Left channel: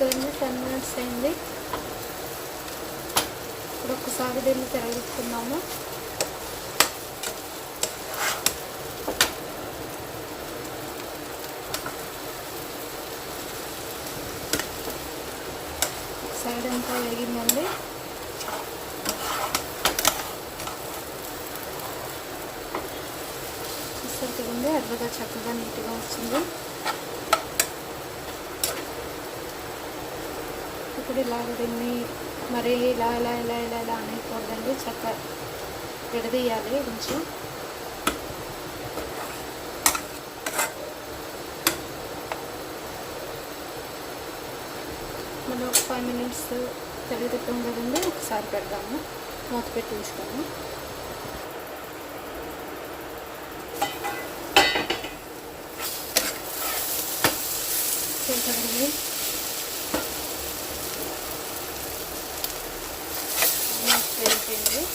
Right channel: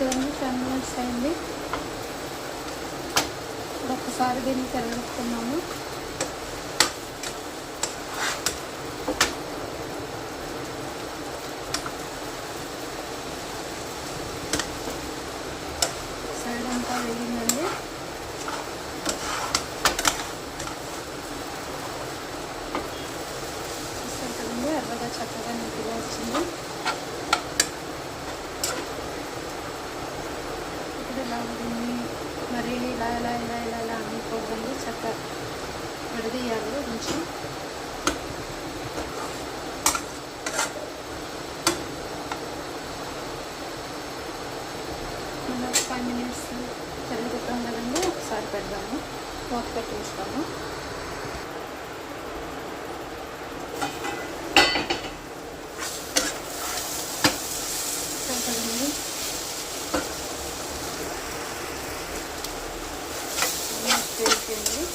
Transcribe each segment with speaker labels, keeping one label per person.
Speaker 1: కదండి ten minutes అయింది. ఇప్పుడు ఒక్కసారి దీన్ని తిరగెత్తున్నాము సైడ్ అంతా వేగిందండి. చూస్తారు కదండి ఎర్రగా చక్కగా ఇప్పుడు మరి ఇలా ఇలా ఇలా ఇలా ఇలా అనేకూడదండి చక్కగా విడదీయాలి కొంచెం ఒక ఫైవ్ మినిట్స్ తిరుగుతాం కదండి ఒకసారి పెడదాము. మూత పెట్టించుకోము చూడండి ఉంటుంది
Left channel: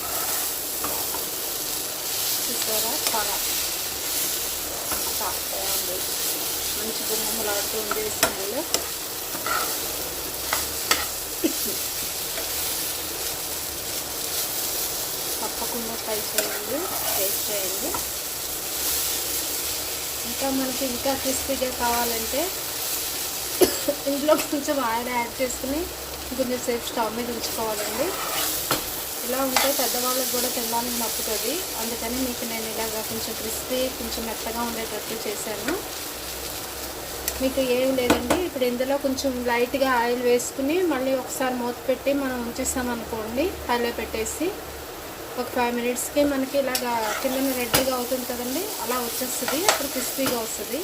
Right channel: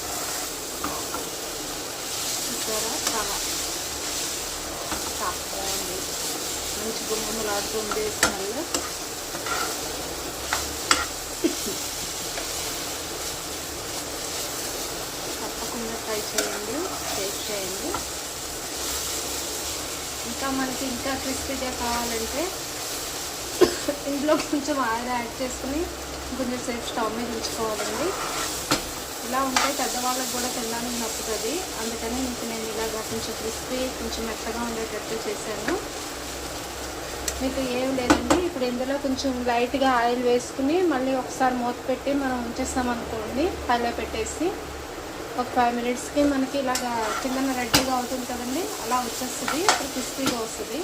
Speaker 1: చూసారా? చాలా సాఫ్ట్గా ఉంది. మంచి గుమ్మలాడుతుంది స్మెల్. తప్పకుండా ట్రై చేయండి టేస్ట్ చేయండి. ఇంకా మనకి ఇంకా క్రిస్పీగా కావాలంటే ఇంట్లో కొంచెం ఆయిల్ యాడ్ చేసుకుని కొంచెం సేపు స్టవ్ మీద ఉంచుకోవాలండి. ఇలా ఉంటే పెద్దవాళ్ళకి కూడా తినడానికి నచ్చుతుంది అందుకని మీకు నేను ఇలాగ కొంచెం క్రిస్పీ కొంచెం మెత్తగా ఉండేటట్టు చేశాను. మీకు ఏం లేదండి. ఇప్పుడు ఇందులో కొంచెం లైట్గా ఆయిల్ వేసుకుని మళ్ళీ ఒకసారి మూత పెట్టి మనం ఉంచేస్తామనుకోండి పల్లె పెట్టేసి ఒక ఫైవ్ మినిట్స్కి మనకి ఇలాగా కిందన రెడ్గా అవుతుంది కదండి అలా వచ్చేస్తుంది. అప్పుడు క్రిస్పీగా వస్తుంది.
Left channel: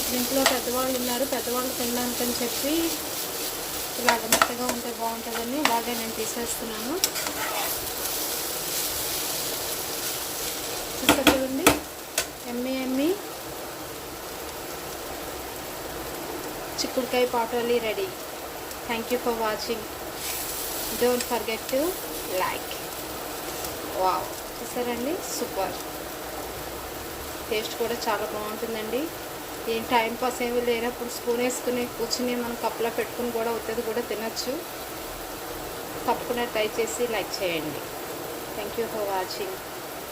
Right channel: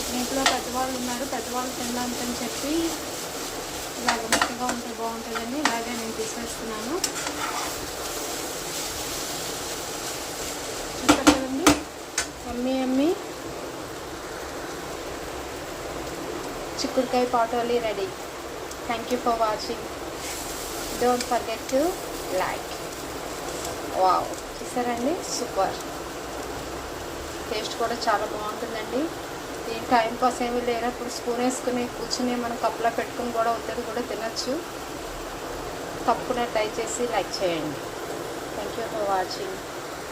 Speaker 1: ఇప్పుడు ఇంట్లో పెద్దవాళ్ళు ఉన్నారు పెద్దవాళ్ళు తినడానికని చెప్పి బాగుంటుందని ఇలాగే నేను తీసేస్తున్నాను. చూస్తారు కదండి? ఎమ్మి ఎమ్మి. చిక్కుడుకాయ పాటోలీ ready. Thank you for watching don't forget to like wow చూసారండి? సూపర్ టేస్ట్ కూడా చాలా బాగుంటుందండి. ఈ టైం పాస్ ఏమీ లేనప్పుడు స్పూన్ వేసుకుని కూర్చుని మనం కప్పులో పెట్టుకుని కూడా వద్దది కూడా తినచ్చు. తప్పకుండా ట్రై చేసి లైక్ చేయండి. Thank you for watching